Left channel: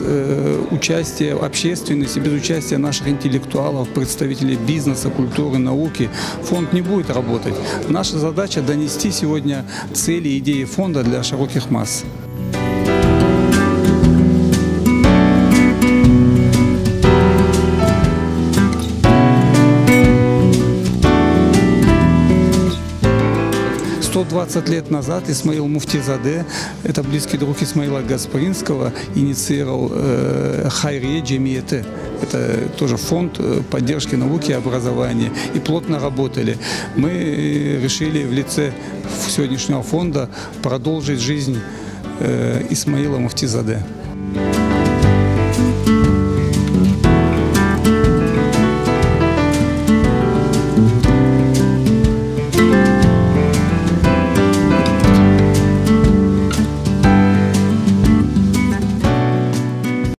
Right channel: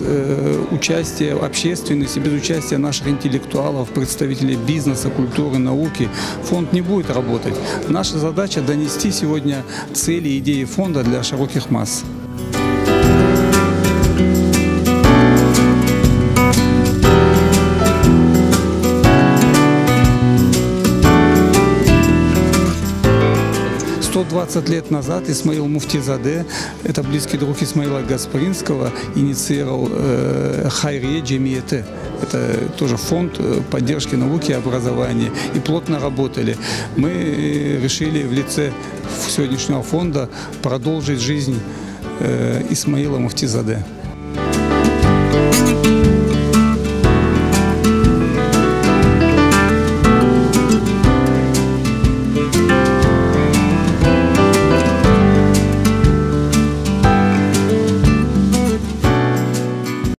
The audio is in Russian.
без участия общественности, без участия наших интеллектуалов, представителей бизнеса, культуры, науки, фонд не будет работать. Наша задача донести сегодня цели и идеи фонда для широких масс. «100 лет назад Исмаил Муфтизаде, это близкий друг Исмаила Гаспринского, инициировал Хайрие Джемиете. Это тоже фонд поддержки науки и образования. И плотно работали. Мы решили в лице сегодняшнего фонда продолжить жизнь Исмаила Муфтизаде.